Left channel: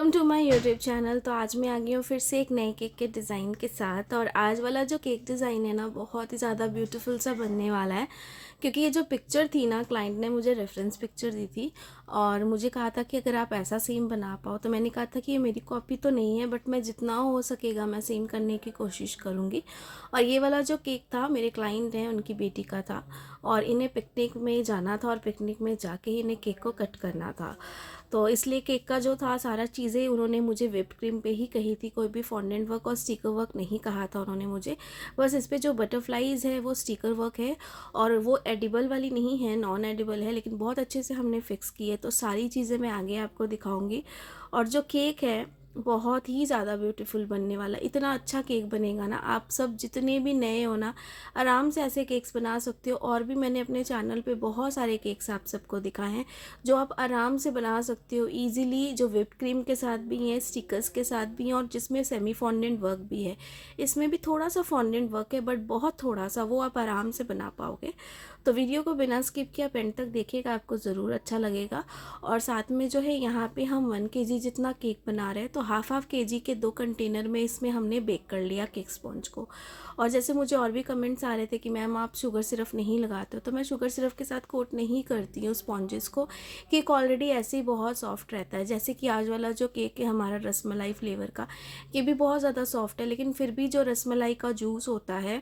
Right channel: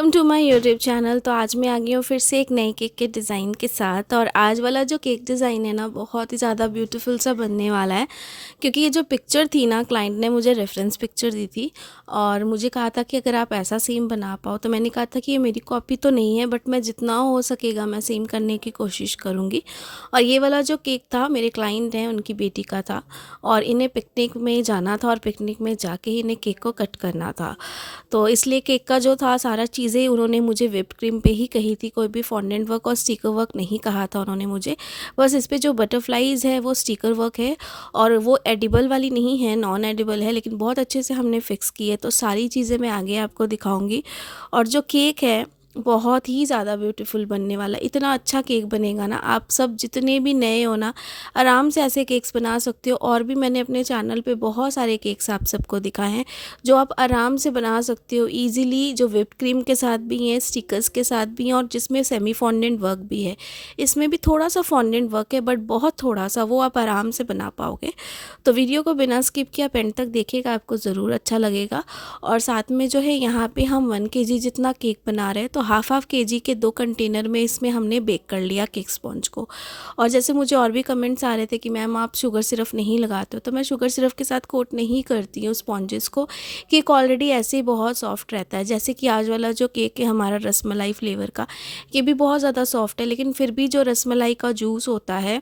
Welcome to my YouTube channel. तो आज मैं आ गई हूँ फिर से एक नए केक के डिज़ाइन के साथ। और आज वाला जो केक डिज़ाइन है ना, बहुत ही ज़्यादा ब्यूटीफुल सा बनने वाला है। क्योंकि ये जो पिक्चर थी ना, क्लाइंट ने मुझे रेफरेंस पिक्चर दी थी और मुझे कहा था कि अगर आप ऐसा सेम बना पाओ, तो मैंने कहा था कि ये मेरी कॉपी तो नहीं है, बट मैं जितना हो सकेगा मैं सेम करने की कोशिश करूँगी। और ये वाला जो केक था, मेरे क्लाइंट हैं उनकी बेटी का था और इन्हें पिकनिक में जाना था और पिकनिक में जाके ही इन्हें केक को कट करना था। तो इसलिए केक का जो था सारा चीज़ें उन्होंने मुझे व्हिप्ड क्रीम पे ही कही थी, कोई भी फॉन्डेंट वर्क और स्टिकर वर्क नहीं कहा था उन्होंने मुझे। बस इस पे जो बटरफ्लाइज़ है वो स्टिकर वर्क है और वो एडिबल वाली नहीं है, नॉन एडिबल है, लेकिन बहुत अच्छे से हमने फ़िक्स की है। तो सारी चीज़ें मैं आगे आपको दिखाऊँगी। और जो केक है बहुत ही ज़्यादा ब्यूटीफुल बनने वाला है। इतना अच्छा केक बनेगा ना, आप सब जितने भी नए हो ना, आराम से ऐसे केक्स बना सकते हो। और भी मैंने अपने चैनल पे बहुत सारे केक्स आप सबको दिखाए हैं जो आप आराम से बना सकते हो ईज़िली, जो व्हिप्ड क्रीम के साथ भी हैं, स्टिकर्स के साथ भी हैं और जिसमें सेमी फॉन्डेंट वर्क भी है। इसमें भी थोड़ा सा फॉन्डेंट वर्क है, बट बहुत थोड़ा सा, वो आप आराम से बना पाओगे। तो वीडियो को बिना स्किप किए आप एंड तक देखिएगा, आपको ज़रूर अच्छा लगेगा। और साथ में जो है, यहाँ पे हम 1 केजी जितना केक बना रहे हैं, तो हाफ केजी के 2 कंटेनर में इसमें हमने बेक कर लिया केक स्पॉन्ज को। और जैसे मुझे और भी कमेंट्स आ रहे थे कि मैम आप शुगर सिरप नहीं लगाते हो, तो मैं शुगर सिरप के साथ कोट नहीं करती हूँ स्पॉन्जेस को। केक ऑलरेडी ऐसे ही बहुत सॉफ्ट रहता है। जैसे कि आज वाला जो केक है हमारा रसमलाई फ्लेवर का, ये भी बहुत ज़्यादा सॉफ्ट है, लेकिन फिर भी जो रसमलाई का जूस होता है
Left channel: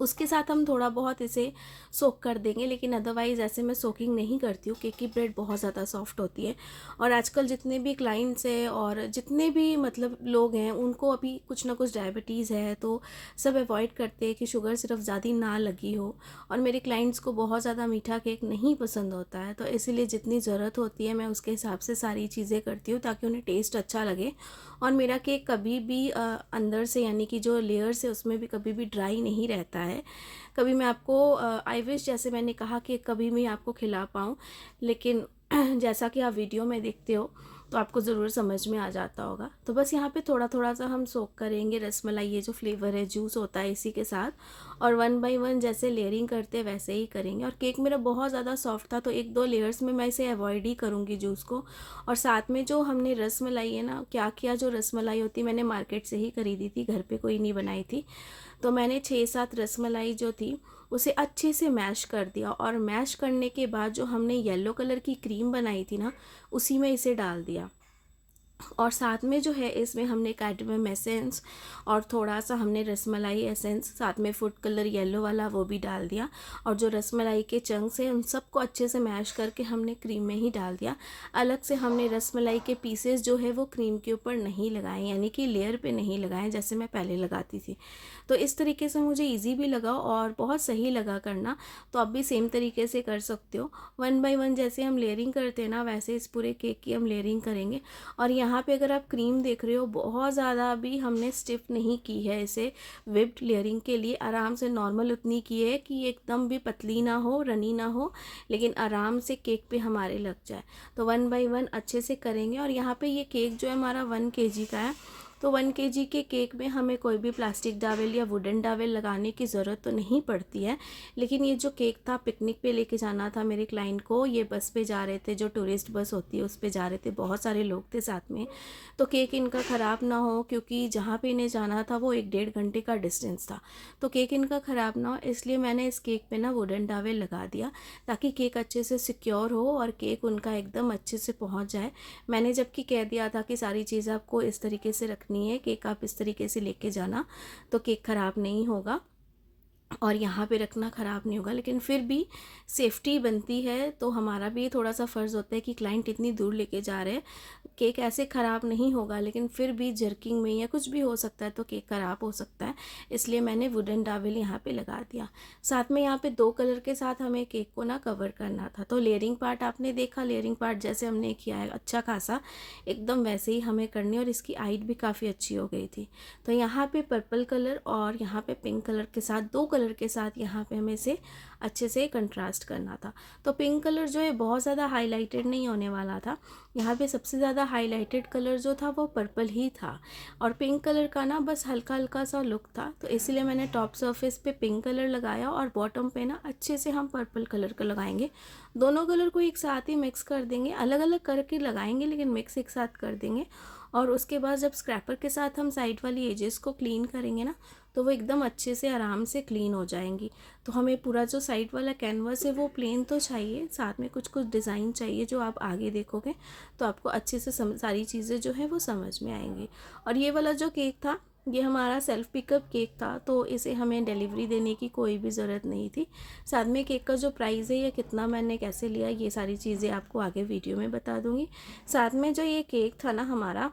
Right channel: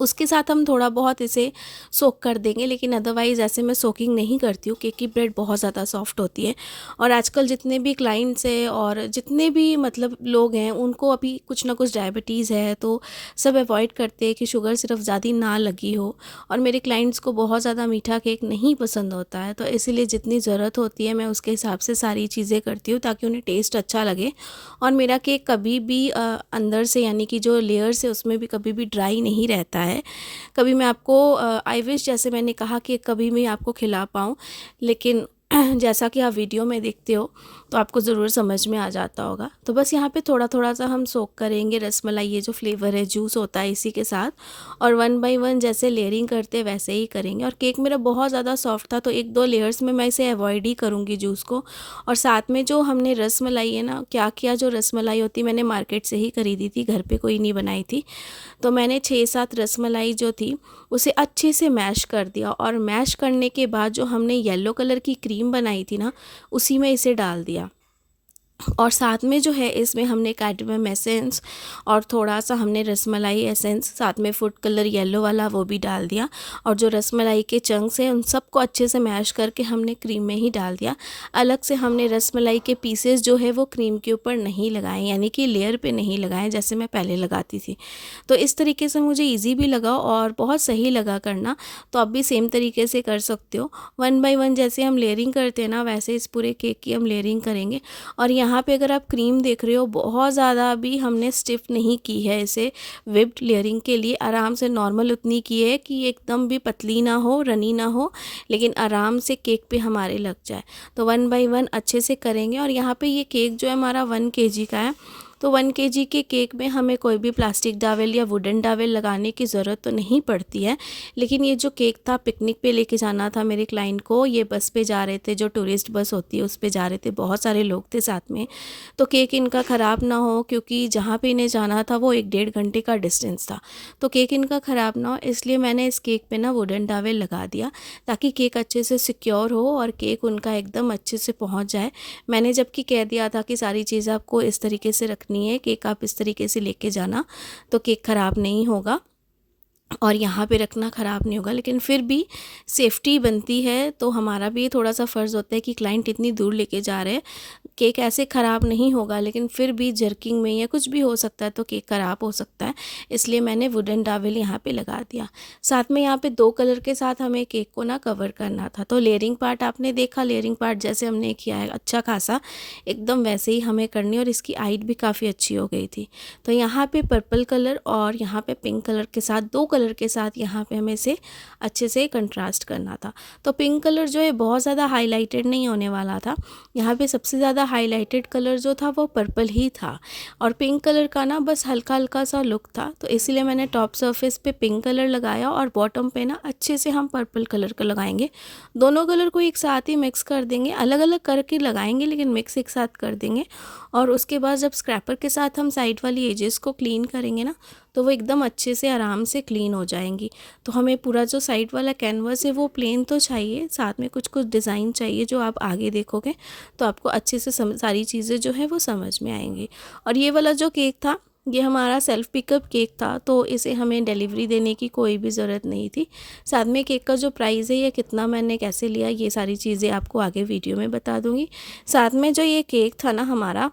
उसके साथ हम थोड़ा बहुत इसे सोक कर देंगे। लेकिन अदरवाइज़ ऐसे मैं सोकिंग नहीं करती हूँ, केक की ब्रेड बहुत ज़्यादा सॉफ्ट होती है। और आजकल जितने भी क्लाइंट्स हैं और जितने भी मतलब लोग हैं, उनको अभी कुछ ना कुछ डायबिटीज़ है, तो सब अवॉइड करते हैं कि शुगर सिर्फ ज़्यादा ना लगी हो। और मेरे क्लाइंट्स को बहुत ज़्यादा मीठा केक नहीं पसंद होता है, तो इसीलिए जितनी ज़रूरत होती है मैं उसके हिसाब से सारी चीज़ें करती हूँ ताकि उन्हें टेस्ट अच्छा लगे। और मेरा केक कभी भी अंदर से, यानी कि जो लेयर्स है उसमें भी कभी भी ड्राई नहीं रहता है। कभी मैं आपको आई विश, जैसे मैंने कहा कि कभी मैं आपको खिला पाऊँ, लेकिन जैसा कि आप वीडियो में देखते हो तो आपको ज़रूर समझ में आ जाता होगा। तो बस यहाँ पे थोड़ा थोड़ा सा हम सोक करेंगे रसमलाई, ये जो फ्लेवर है जूस होता है इसी के साथ। और 1 बाय 1 जैसे लेयरिंग करते हैं वैसे ही करेंगे। और केक मेरा बहुत ज़्यादा सॉफ्ट था, तो 1-2 लेयर्स में मैं इसे अवॉइड ही करूँगी जूस को। और साथ में जो हमने रसमलाई है ना, क्या किया, जो रसमलाई होती मैंने मार्केट से ही खरीदी थी, घर पे कोई नहीं बनाई थी। तो मैंने 6-7 रसमलाई जो थी उसे अच्छे से मैश कर दिया। और मैश करने के बाद जो हमने येलो कलर की क्रीम बनाई थी ना, उसी में इसे डाल दिया। और साथ में जो है इसमें हमने कैडमियम एसेंस और थोड़ा सा हमने रसमलाई एसेंस, साथ में फूड कलर येलो वाला वो भी डाल दिया। और जो रसमलाई के चंक्स हैं उन सबको अच्छे से मैश करके हमने क्रीम में ही डाल दिया। अलग से हमने रसमलाई के पीसेस जो है वो क्रीम के ऊपर नहीं लगाए, यानी कि लेयर पे नहीं लगाए जैसे मैं पहले लगाती थी। तो इस तरीके से मुझे ईजी भी लगा और बहुत सही लगा करना। तो आप भी सेम तरीके से कर सकते हो। 1 बाय 1 जैसे हम लेयरिंग करते हैं ना, वैसे इस पूरे केक की हम लेयरिंग करेंगे। और यहाँ पे अगर आप क्रीम देख रहे हो, बहुत ज़्यादा भी हमने स्टिफ नहीं की है इसे विप्ड लेयरिंग के लिए। आराम से नॉर्मल उतनी की है कि एकदम भी पतली ना हो, रनी ना हो, लेकिन आराम से केक पे हमारे लग जाए। तो 1 बाय 1 अच्छे से करेंगे। और यहाँ पे ये केक जो है हमारा 1 केजी का है, तो 1 केजी के केक में हमें कोई भी प्लास्टिक डावेल या वुडन डावेल लगाने की ज़रूरत तो नहीं पड़ती है। लेकिन ये जो केक था, पिकनिक पे लेके जाना था मेरे क्लाइंट को, ये बस पे जा रहे थे, जो टूरिस्ट बस होती है उस पे जा रहे थे, बहुत सारे लोग थे साथ में। तो केक इनका ख़राब ना हो, क्योंकि जहाँ पे इन्हें जाना था वो 1-1.5 घंटे का डिस्टेंस था, तो केक इनका ख़राब ना हो, इसलिए मैंने इस केक पे ना वुडन डावेल लगा दिया ताकि केक अच्छे से सिक्योर हो और केक उनका एकदम अच्छे से पहुँच जाए। मैंने जबकि कह दिया था कि सारी चीज़ें आपको इस तरीके से रखनी है, केक आप इस तरीके से लेके जाना तो केक ख़राब नहीं होगा और यहाँ पे रखना ख़राब नहीं होगा। लेकिन फिर भी सेफ्टी बनती है, तो हमारा भी थोड़ा सा फ़र्ज़ होता है कि क्लाइंट इतनी दूर लेके जा रहे हैं, केक ऐसे ख़राब नहीं होगा, लेकिन फिर भी जर्किंग में या कुछ भी हो सकता है तो केक ख़राब हो सकता है। इसलिए मैंने वुडन डावेल यहाँ पे लगा दिया। साथ में यहाँ पे 2 कलर के साथ हमें केक को ना कवर करना था। तो लेयरिंग पार्ट आपने देखा, लेयरिंग पार्ट जैसे हमने किया है अच्छा खासा, एकदम वैसे ही हमें करनी। और इसकी हाइट भी काफ़ी अच्छी हो गई थी। तो यहाँ पे पर्पल कलर और यहाँ पे पिंक कलर के साथ 2 कलर के साथ यहाँ पे हमें इसे अच्छे से कंट्रास्ट करना था। तो पिंक कलर जो है बहुत ज़्यादा हाईलाइटेड नहीं होने वाला था। यहाँ पे सबसे ज़्यादा हाईलाइटेड कलर जो था वो पर्पल ही था और पिंक कलर का ना बस हल्का हल्का सा लुक था, तो इसीलिए मैंने टॉप सरफेस पे पिंक कलर लगाया और बॉटम पे ना अच्छे से हम पर्पल कलर का लगाएंगे। दोनों कलर को एक साथ ही मिक्स कर देंगे, अलग अलग करके लगाएंगे लेकिन मिक्स एक साथ कर देंगे। और उसके बाद जब स्क्रैपर के साथ हम साइड वाली एजेस को क्लीन करेंगे ना, तो वो एकदम अच्छे से आराम से क्लीन हो जाएंगी। तो हमें पूरा जो साइड वाला कैनवास है वो प्लेन तो चाहिए, साथ में कुछ कुछ डिज़ाइन चाहिए जो आप आगे देखोगे तो आपको अच्छे से सारी चीज़ें जो है वो समझ में आएंगी। और ये वाला जो केक था ये हमारा सेल्फ़ पिकअप केक था, तो इसे हमें डिलीवरी देने की कोई भी ज़रूरत नहीं थी। साथ में केक का जो प्राइस है या कितना मैंने कैसे लिया ये सारी चीज़ें आपको आगे वीडियो में बता दूँगी। साथ में जो ये केक था ना हमारा,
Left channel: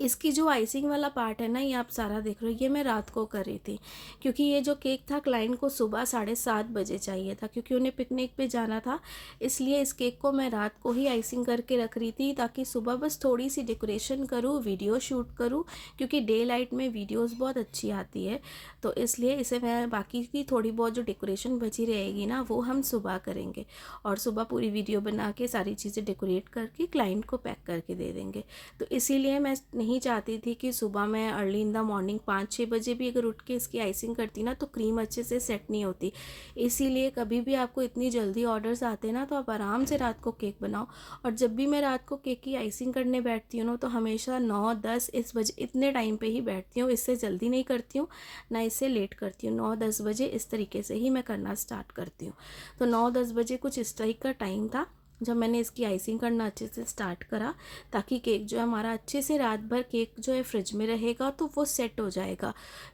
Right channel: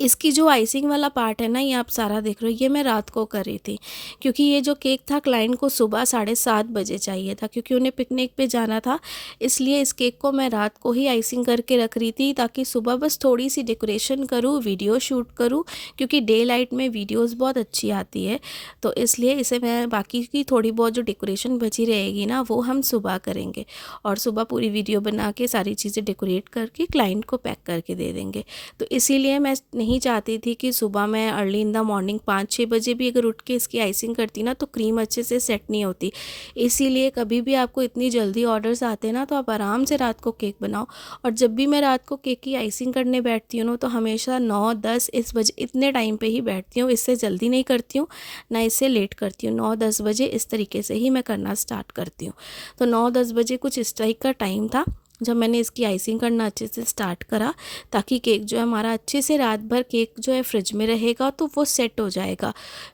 इसकी जो आइसिंग वाला पार्ट है ना, ये आप सारा देख रहे हो, ये मैं रात को कर रही थी क्योंकि ये जो केक था क्लाइंट को सुबह 7:30 बजे चाहिए था क्योंकि उन्हें पिकनिक पे जाना था। इसलिए इस केक को मैं रात को ही आइसिंग करके रख रही थी ताकि सुबह बस थोड़ी सी डेकोरेशन करूँ, वीडियो शूट करूँ, क्योंकि डे लाइट में वीडियोज़ बहुत अच्छी आती है। तो इसलिए इसे मैं बाकी की थोड़ी बहुत जो डेकोरेशन बची रहेगी ना वो हम सुबह करेंगे और सुबह पूरी वीडियो बना के सारी चीज़ें डेकोरेट करके क्लाइंट को पैक करके दे देंगे। तो इसीलिए मैं नहीं चाहती थी कि सुबह मैं अर्ली इन द मॉर्निंग 5-6 बजे भी अगर उठ के इसकी आइसिंग करती ना तो क्रीम अच्छे से सेट नहीं होती। इसीलिए कभी भी आपको इतनी जल्दी ऑर्डर्स आते हैं ना तो आप आराम से रात को केक बनाओ। और जब भी मैं रात को केक की आइसिंग करने बैठती हूँ ना तो हमेशा 9-10 इस बजे इतने टाइम पे ही बैठती हूँ, इससे जल्दी नहीं करती हूँ ना इससे लेट करती हूँ। 9-10 बजे इस तरीके से ही मैं करना स्टार्ट करती हूँ। तो 9-10 बजे कुछ इस टाइप का टाइम था जब मैंने इसकी आइसिंग करना अच्छे से स्टार्ट करा, ताकि केक जो है हमारा अच्छे से रात भर केक जो है फ्रिज में रहेगा तो वो सेट हो जाएगा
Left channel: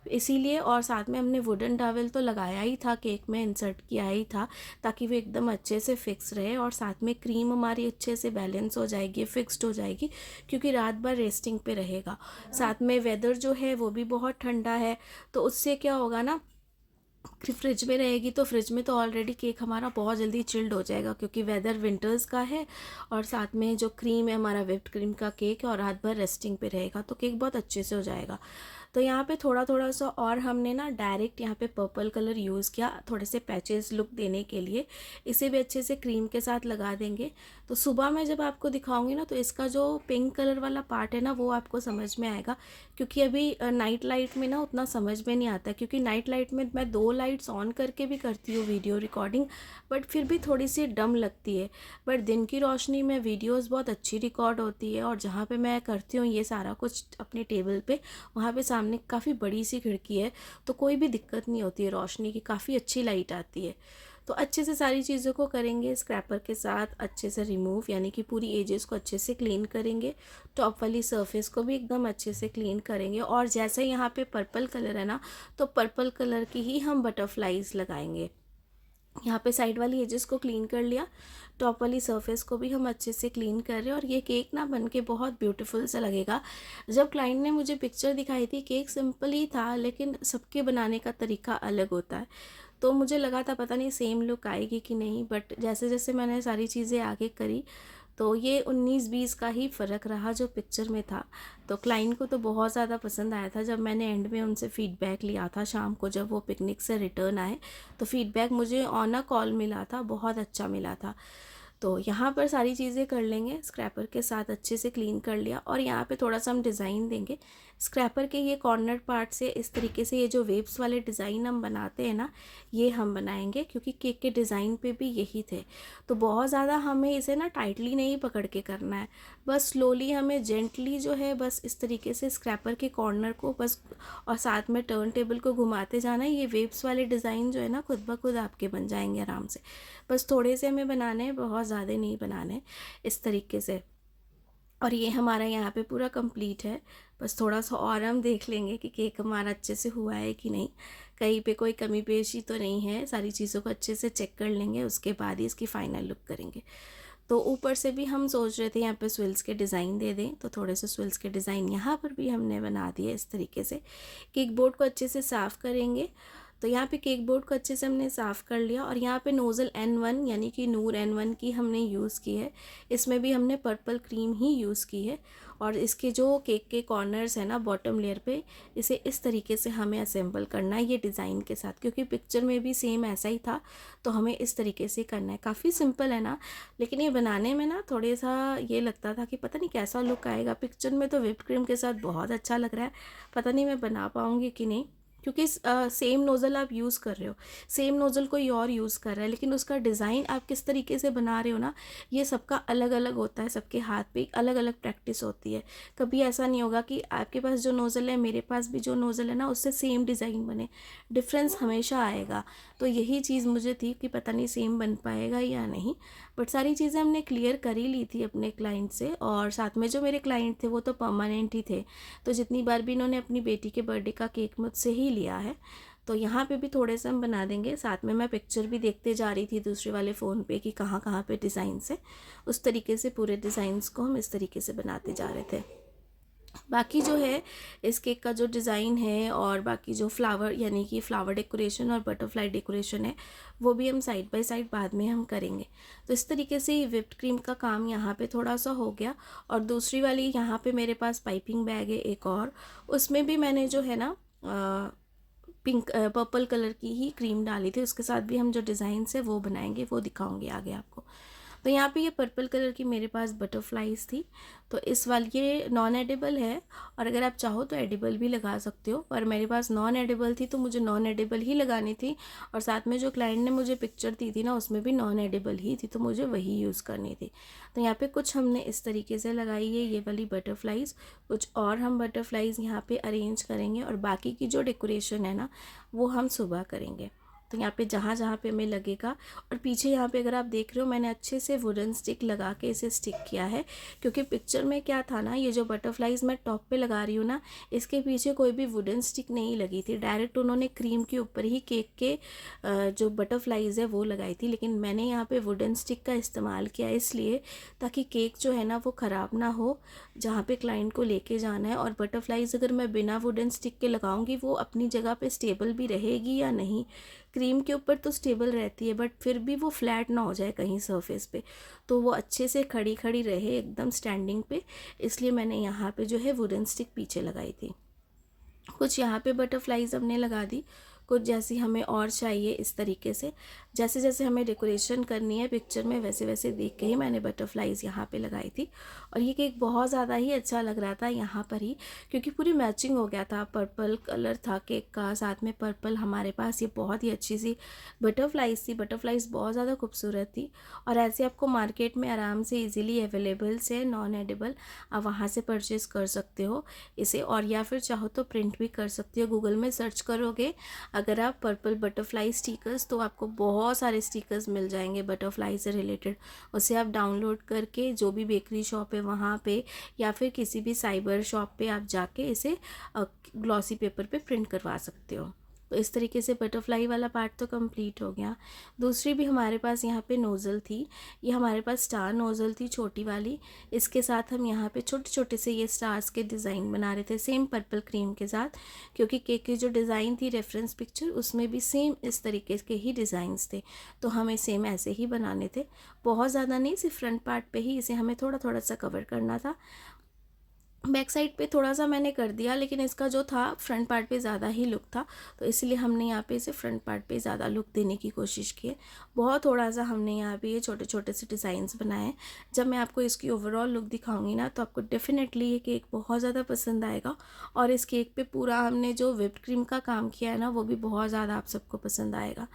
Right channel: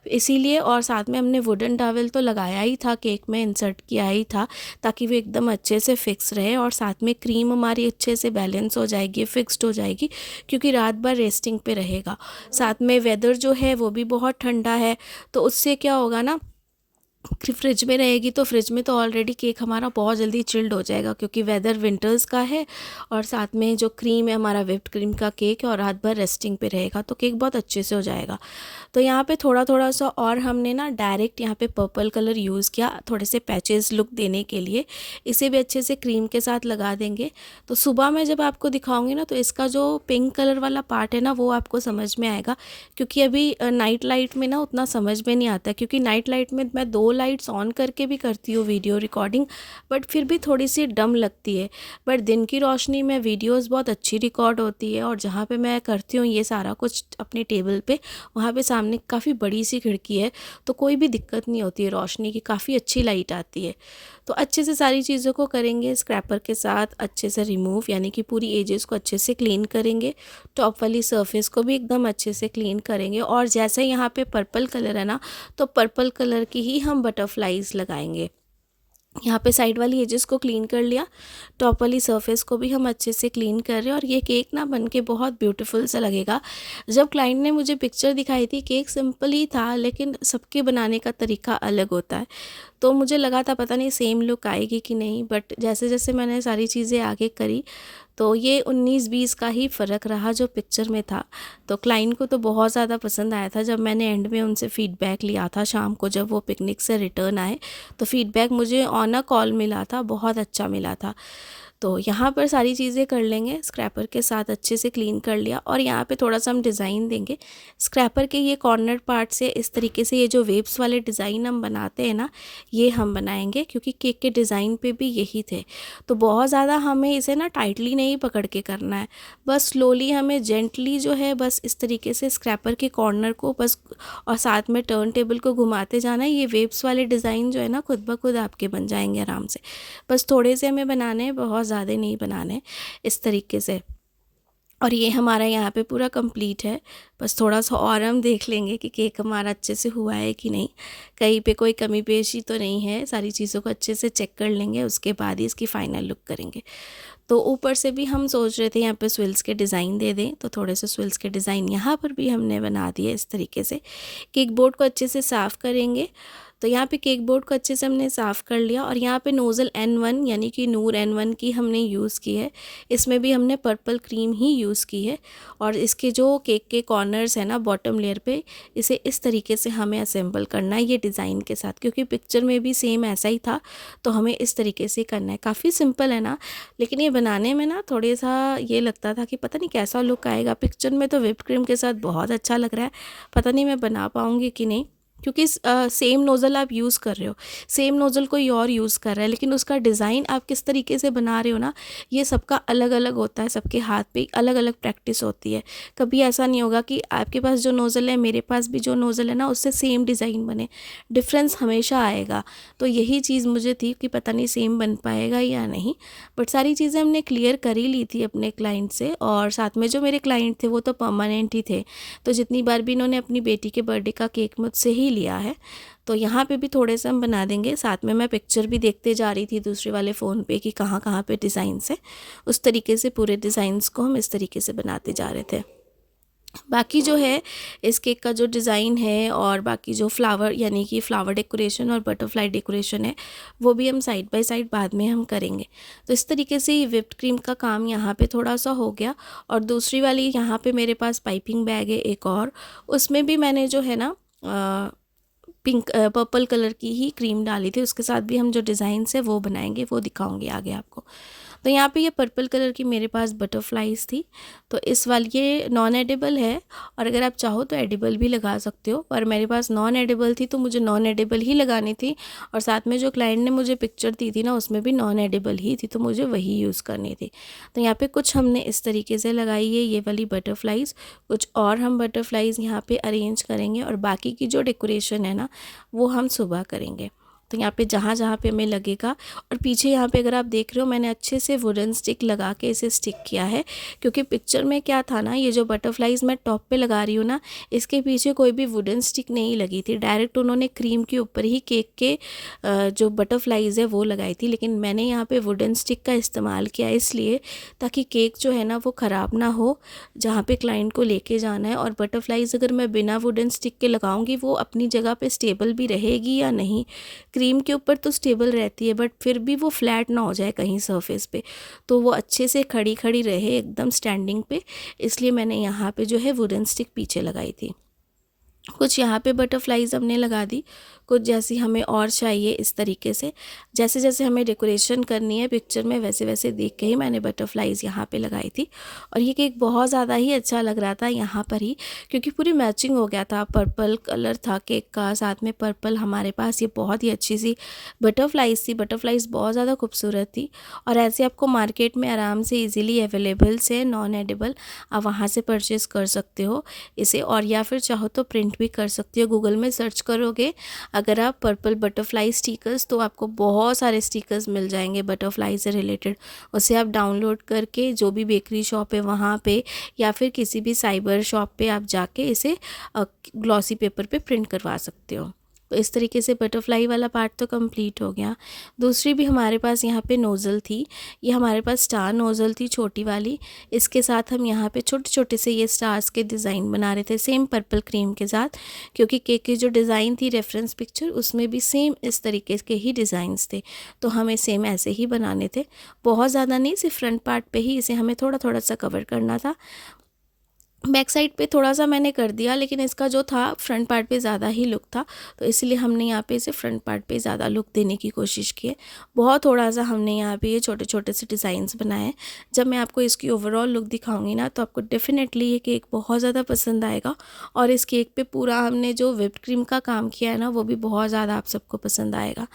इसीलिए। और साथ में हमने वुडन टॉवल तो लगाया ही था, केक में इंसर्ट किया ही था ताकि वो एकदम अच्छे से फिक्स रहे और साथ में क्रीम हमारी अच्छे से बैलेंस हो जाएगी, फिक्स्ड हो जाएगी, क्योंकि रात भर रेस्टिंग पे रहेगा। साथ में वेदर जो है वो भी बहुत ठंडा है, तो उससे क्या होगा ना, फ्रिज में रहेगी तो फ्रिज में तो ऑलरेडी केक हमारा बहुत जल्दी चिल्ड हो जाएगा क्योंकि वेदर विंटर्स का है। और साथ में जो क्रीम है हमारा व्हिप्ड क्रीम का केक है और रात भर रेस्टिंग पे रहेगा तो केक बहुत अच्छे से हो जाएगा। तो यहाँ पे थोड़ा थोड़ा सा और हमने ना डायरेक्ट यहाँ पे पर्पल कलर यूज़ किया थोड़े से पैचेस लुक देने के लिए। इसे भी अच्छे से क्रीम के साथ लगा देंगे। तो सुबह मैं जब आपको दिखाऊंगी ना तो इसका जो पिंक कलर वाला पार्ट है ना वो आपको समझ में आएगा, क्योंकि अभी नाइट लाइट में ना उतना समझ में नहीं आता, क्योंकि नाइट लाइट में मैं 2 लाइट्स ऑन करके भी करती हूँ वीडियो रिकॉर्डिंग, बट फिर भी थोड़ी सी डम लगती है। बट दिन की रोशनी में वीडियोस बहुत अच्छी रिकॉर्ड होती है। और जहाँ पे मैं करती हूँ ये सारा कुछ अपने टेबल पे, वहाँ पे सामने काफ़ी बड़ी सी खिड़की है तो कोई भी दिक्कत नहीं होती है रोशनी की, काफ़ी अच्छी लाइट आती है। तो अच्छे से सारी चीज़ों को करेंगे स्क्रैपर के साथ अच्छे से रिमूव, यानी कि पूरी एजेस को अच्छे से क्लीन करेंगे, टॉप वाली सरफेस को भी एकदम अच्छे से क्लीन करेंगे। और जैसे यहाँ पे पर्पल कलर है ना, तो पर्पल कलर की ही हम बटरफ्लाइज लगाएंगे। यहाँ पे साइड वाली एजेस को क्लीन कर लिया, टॉप वाली सरफेस को भी हम अच्छे से क्लीन कर रहे हैं। और ये केक ना बनके बहुत ब्यूटीफुल सा लगेगा। जब क्लाइंट ने मुझे पिक्चर दिखाई थी, केक सिंपल ही था लेकिन सबके बनाने का तरीका अलग होता है, तो मुझे लगा था पता नहीं सेम लुक आएगी कि नहीं, बट जैसे जैसे मैंने सारी चीज़ें आगे करी तो ये 19-20 का ही फ़र्क रहा जो पिक्चर में था। तो क्लाइंट को तो बहुत ज़्यादा पसंद आया था। जब मैंने एंड में उनसे फ़ीडबैक लिया था शाम को जब वो पिकनिक से रिटर्न आए, तो फ़ीडबैक मुझे ऑन अ कॉल मिला था, बहुत अच्छा मिला था। तो यहाँ पर सारी चीज़ें कर लेंगे, स्क्रैपर के साथ अच्छे से क्लीन कर लिया। और यहाँ पे थोड़ा सा हम डिज़ाइन देंगे स्क्रैपर के ये कॉर्नर पार्ट से। इस तरीके से ये जो वेव्स वाले डिज़ाइन हम बनाते हैं ना, ये हम बनाएंगे क्योंकि केक के डिज़ाइन पे भी यही थे। तो बहुत ज़्यादा हमें इसे ना टाइटली नहीं पकड़ के करना है, बस स्लोली हमें जेंटली जो है बस इस तरीके से स्क्रैपर के कॉर्नर को बस, और साथ में टर्न टेबल को घुमाते जाना है। ये वेव्स वाले डिज़ाइन जो है ना खुद ब खुद आपके बन जाएंगे आराम से। बस थोड़े से हमें बनाने हैं, बहुत ज़्यादा नहीं बनाने, इस तरीके से। और ये हमारा यहाँ पे पूरा कंप्लीट है। बस थोड़ा सा और हम देख लेंगे कि केक हमारा अच्छे से हुआ है कि नहीं, कहीं पे कोई कमी पेशी तो नहीं है। सारी चीज़ों को अच्छे से चेक कर लेंगे, उसके बाद ही इसकी फ़ाइनल लुक करेंगे। तो ऊपर से भी हम सोच रहे थे यहाँ पे स्विल्स के डिज़ाइन दे दें, तो थोड़े से स्विल्स के डिज़ाइन यहाँ पर भी हमने बना दिए इस तरीके से। केक बोर्ड को अच्छे से साफ़ करेंगे तो यहाँ पे केक बोर्ड को अच्छे से हमने साफ़ कर लिया और यहाँ पे नोज़ल N1 यानी कि नूर N1 की हमने यूज़ की है। इसमें भी हमने पर्पल क्रीम ही यूज़ की है और इसके जो केक के कॉर्नर्स है ना बॉटम लेयर पे, इसे इस तरीके से हमें असेंबल करना है ये डिज़ाइन के साथ, क्योंकि पिक्चर में भी सेम ऐसा ही था, तो हमें इस तरीके से करना है। काफ़ी सिंपल है ना, लेकिन ये बनाने में ना थोड़ा सा ये लगता था कि पता नहीं कैसा लुक आएगा। पिक्चर में तो व्हिप्ड क्रीम के साथ बहुत अच्छा लग रहा है, पता नहीं मैं बना पाऊँगी कि नहीं, क्योंकि सेम नोज़ल आप यूज़ कर रहे हो, सेम नोज़ल कोई और यूज़ कर रहा है, लेकिन उसका डिज़ाइन आप किस तरीके से बना रहे हो ना, ये सबका अलग अलग होता है, सबके हाथ पे अलग अलग प्रैक्टिस होती है। कभी ऐसा नहीं होगा कि आपके पास जो नोज़ल है मेरे पास भी जो नोज़ल है ना उससे सेम डिज़ाइन बने, डिफरेंस हमेशा आएगा। तो यही चीज़ मुझे थी कि पता नहीं सेम बन पाएगा या नहीं, बट सारी चीज़ें हमने क्लियर कर ही ली थी अपने क्लाइंट से, और साथ में जो मेरे क्लाइंट थे वो तो परमानेंट ही थे, तो जितनी बार भी इन्होंने अपनी बेटी के बर्थडे का केक मुझसे ही लिया है। तो यहाँ पे भी थोड़े से हम बना देंगे। साथ में मैं पिक्चर भी देखते जा रही थी दूसरे वाले फ़ोन पे कि कहाँ कहाँ पे डिज़ाइंस है, उस तरीके से पूरे डिज़ाइंस को हम इस तरीके से बनाते जा रहे थे। बाकी जो है इस केक का जो डिज़ाइन है और बाकी जो फ्लावर यानी कि फ्लावर डेकोरेशन और बटरफ्लाई डेकोरेशन है, वो भी हम साइड बाय साइड बाद में हम करेंगे। तो इस तरीके से ये व्हिप्ड क्रीम का काम यहाँ पे थोड़ा सा हो गया। और दूसरी वाली यहाँ पे मेरे पास पाइपिंग बैग है एक और, उसमें भी मैंने जो है ना पिंक पर्पल कलर की ही क्रीम डाली थी, उसके साथ भी हम जो डिज़ाइंस है वो बनाएंगे, वो दिखाऊंगी आगे आपको। तो यहाँ पे ये पर्पल कलर की मेरे पास बटरफ्लाइज थी, तो इस वाली ये नॉन एडिबल है, और अगर आप चाहो तो एडिबल भी लगा सकते हो, पर मेरे पास नॉन एडिबल थी तो मुझे नॉन एडिबल ही लगानी थी, और साथ में जो क्लाइंट ने मुझे पिक्चर दी थी ना उसमें भी नॉन एडिबल ही थी, तो मुझे वही यूज़ करनी थी। तो यहाँ पे कुछ हमने इस तरीके से लगाई है ये वाली बटरफ्लाइज, कुछ और हम बटरफ्लाइज यहाँ पे अरेंज करेंगे, और बाकी की जो डेकोरेशन है ना वो हम सुबह करेंगे। तो यहाँ पे जहाँ जहाँ पे हमें लगेगा, और पीछे यहाँ पे अगर आप देख रहे हो मैंने अच्छे से वुडन स्टिक लगा के इसे स्टिक किया है, क्योंकि पिक्चर में क्या था ना, ये जो बटरफ्लाइज मैं टॉप पे लगा रही हूँ ना, इसके पीछे कोई भी वुडन स्टिक नहीं लगी थी, डायरेक्ट उन्होंने क्रीम के ऊपर ही केक के जो बटरफ्लाइज है वो लगाई थी। लेकिन मैंने यहाँ पे वुडन स्टिक का इस्तेमाल किया इसलिए ताकि केक जो है ना वो ख़राब ना हो जहाँ पे क्लाइंट को लेके जाना है, और बटरफ्लाइज अगर मैं बिना वुडन स्टिक के लगाऊंगी वो अपनी जगह पे स्टेबल भी रहेगी या नहीं। क्रीम के ऊपर तो स्टेबल रहती है, बट फिर भी वो फ्लैट ना हो जाए कहीं सरफेस पे, तो वो अच्छे से खड़ी खड़ी रहे एकदम स्टैंडिंग पे, इसलिए मैंने यहाँ पे जो है वुडन स्टिक पीछे लगाई थी। कुछ यहाँ पे बटरफ्लाइज हमने लगा दी, कुछ जैसी हमें और चाहिए इस तरीके से, जैसे जैसे हमें डेकोरेशन करनी है पिक्चर में वैसे वैसे देख के ही मैंने बटरफ्लाइज यहाँ पे लगाई थी। और ये केक बहुत ज़्यादा ही अच्छा लग रहा था यहाँ पर ही, क्योंकि पूरी मैचिंग हो गया था, पर्पल कलर था केक का, साथ में पर्पल हमारे पास ये बहुत ही अच्छी सी बटरफ्लाइज थी, बटरफ्लाइज बहुत ज़्यादा खूबसूरत थी, और ऐसे आपको मार्केट में आराम से ईजिली अवेलेबल से नॉन एडिबल आप वहाँ से परचेज़ कर सकते हो इसे, और या फिर चाहो तो प्रिंट भी कर सकते हो। गूगल में सर्च करोगे अगर आप पर्पल बटरफ्लाई स्टिकर्स, तो आपको बहुत सारे स्टिकर्स मिल जाएंगे बटरफ्लाई से रिलेटेड, उसे आप डाउनलोड करके जो भी बेकरी शॉप है वहाँ पे या फिर किसी भी साइबर शॉप पे आप जाके इसे ग्लॉसी पेपर पे प्रिंट करवा सकते हो। तो इस तरीके से बटरफ्लाई वाला पार्ट तो कंप्लीट हो गया। दूसरी भी हमारे पास यहाँ पे नोज़ल थी, ये हमारे पास स्टार नोज़ल थी छोटी वाली, इसके साथ हम यहाँ पे छोटे छोटे से ये स्टार्स के डिज़ाइन बना रहे थे सेम पर्पल क्रीम के साथ, क्योंकि केक की जो डिज़ाइन थी रेफरेंस पिक्चर उसमें भी सेम इस तरीके के ही डिज़ाइंस थे, तो हमें सेम ऐसे ही बनाने थे। बहुत ज़्यादा नहीं, सिर्फ फ्रंट पार्ट पे ही इसे हमें थोड़ा थोड़ा सा कवर करना था, बैक साइड पे थोड़ा सा मैंने कर दिया, लेकिन इसका जो था फ्रंट पार्ट पे ज़्यादा ही लुक था, तो इसलिए हमने यहाँ पे इसे फ्रंट पार्ट पे ज़्यादा लुक देने की कोशिश की है। बहुत थोड़ा सा हमने यहाँ पे ये छोटे छोटे से डिज़ाइंस बनाए हैं। जब मैं आपको इसकी ओवरऑल लुक दिखाऊंगी ना तो आपको डेफिनेटली ये केक बहुत ज़्यादा पसंद आएगा, और इस केक पे पूरा हमने जो व्हिप्ड क्रीम का काम किया है ना वो भी बहुत ज़्यादा आप सबको पसंद आएगा।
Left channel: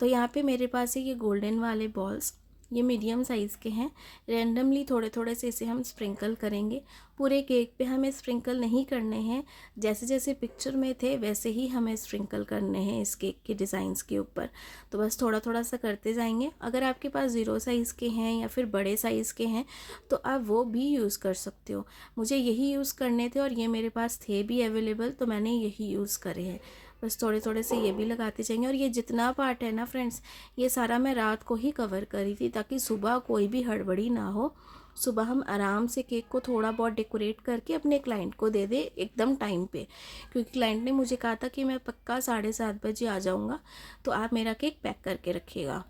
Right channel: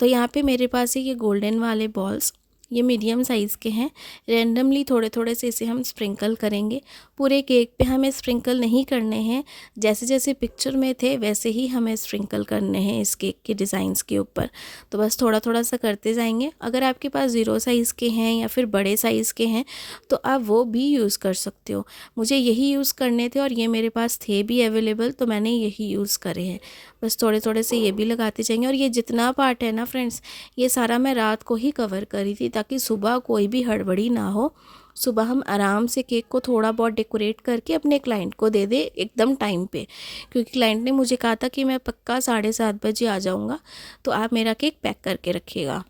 तो यहाँ पर मेरे पास है ये गोल्डन वाले बॉल्स, ये मीडियम साइज़ के हैं, रैंडमली थोड़े थोड़े से इसे हम स्प्रिंकल करेंगे। पूरे केक पे हमें स्प्रिंकल नहीं करने हैं, जैसे जैसे पिक्चर में थे वैसे ही हमें स्प्रिंकल करने हैं इस केक के डिज़ाइंस के ऊपर, तो बस थोड़ा थोड़ा सा करते जाएंगे। अगर आपके पास 0 साइज़ के हैं या फिर बड़े साइज़ के हैं तो आप वो भी यूज़ कर सकते हो। मुझे यही यूज़ करने थे और ये मेरे पास थे भी अवेलेबल, तो मैंने यही यूज़ करे हैं। बस थोड़े थोड़े से ये भी लगाते जाएंगे, और ये जितना पार्ट है ना फ्रेंड्स, ये सारा मैं रात को ही कवर करी थी ताकि सुबह कोई भी हड़बड़ी ना हो, सुबह हम आराम से केक को थोड़ा बहुत डेकोरेट करके अपने क्लाइंट को दे दें एकदम टाइम पे, क्योंकि क्लाइंट ने मुझे कहा था कि मैं पक्का 7:30 बजे आ जाऊँगा, तो आप मेरा केक पैक करके रखिएगा।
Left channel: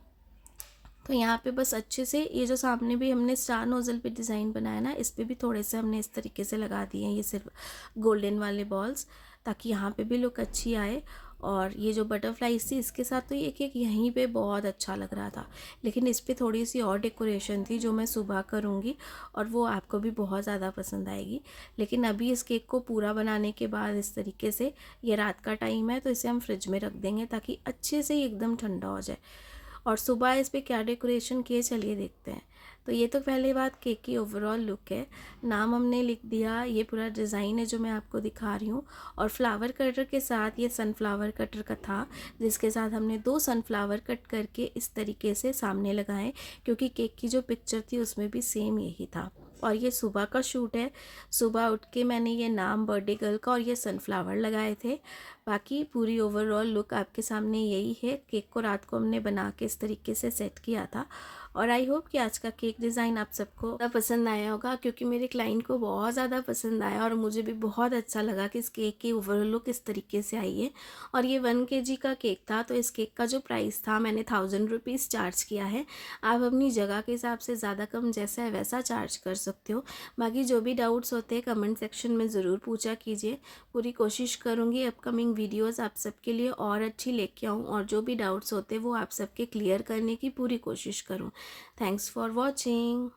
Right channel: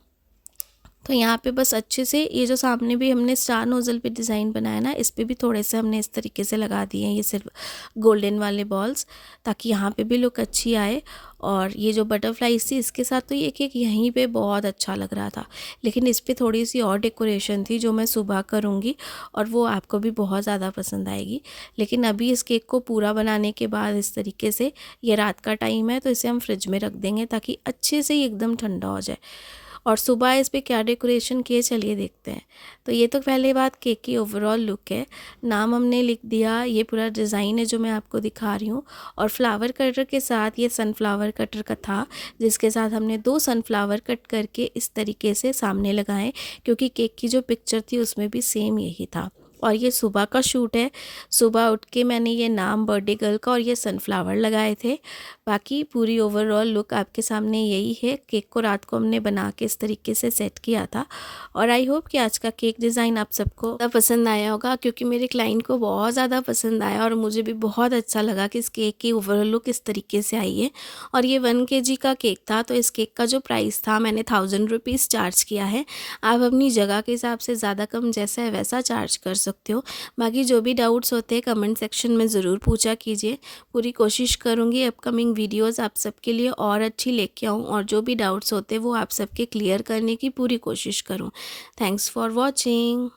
तो यहाँ पे बस अच्छे से ये जो सामने भी हमने स्टार नोज़ल पे डिज़ाइन बनाया ना, इस पे भी थोड़े से हमने इस तरीके से लगा दिए हैं ये सिर्फ गोल्डन वाले बॉल्स, ताकि यहाँ पे भी लुक अच्छी आए। और ये जो बटरफ्लाइज थी इसके साथ तो ये केक यहीं पे बहुत अच्छा लग रहा था, लेकिन इस पे थोड़ी सी और डेकोरेशन थी जो मैं सुबह करूँगी और वो आपको भी बहुत ज़्यादा पसंद आएगी। लेकिन अभी इस केक को पूरा बनाने के बाद इस तरीके से, ये रात का टाइम है तो इसे हम फ्रिज में रख देंगे ताकि अच्छे से ही एकदम ठंडा हो जाए। और सुबह इस पे क्या डेकोरेशन किए चलिए देखते हैं। तो ये तो पहले बात केक की ओवरऑल लुक है। नाम हमने लिख दिया, ये पूरा डिज़ाइन है जो मैं आपको दिखा रही हूँ। और फ्लावर कटर के साथ ये सनफ्लावर कटर का था, जिसके साथ हमने 2 सनफ्लावर कट करके इस तरीके से सामने लगाए, क्योंकि केक की जो पिक्चर थी उसमें भी सेम यही था। और ये सुबह का शूट है, सुबह उठ के मैंने ये नाम बर्थडे गर्ल का और ये सनफ्लावर लगाए थे। बाकी पूरी ओवरऑल लुक आपके सामने यही है। केक को रात को हमने बना के इस तरीके से सेट किया था। और आई होप कि आज का केक डिज़ाइन आप सबको पसंद आया होगा, क्योंकि मेरे क्लाइंट को बहुत ज़्यादा पसंद आया और मुझे भी बहुत अच्छा लगा कि इस केक की ओवरऑल लुक इस तरीके से आई है। और ये 1 kg का केक था, तो इस केक का जो प्राइस था मैंने 1000 रुपीज़ चार्ज किया है। आप अपनी जगह के हिसाब से ज़्यादा कम जैसा है वैसा चार्ज कर सकते हो। बाकी जो भी डाउट्स होते हैं कमेंट सेक्शन में ज़रूर पूछा कीजिए। पूरी कोशिश करूँगी अपकमिंग वीडियोस आप सबके लिए और अच्छी लेके आऊँ, और जो भी डाउट्स होते हैं वो आप सबके क्लियर करने की पूरी कोशिश करूँ। Thanks for watching.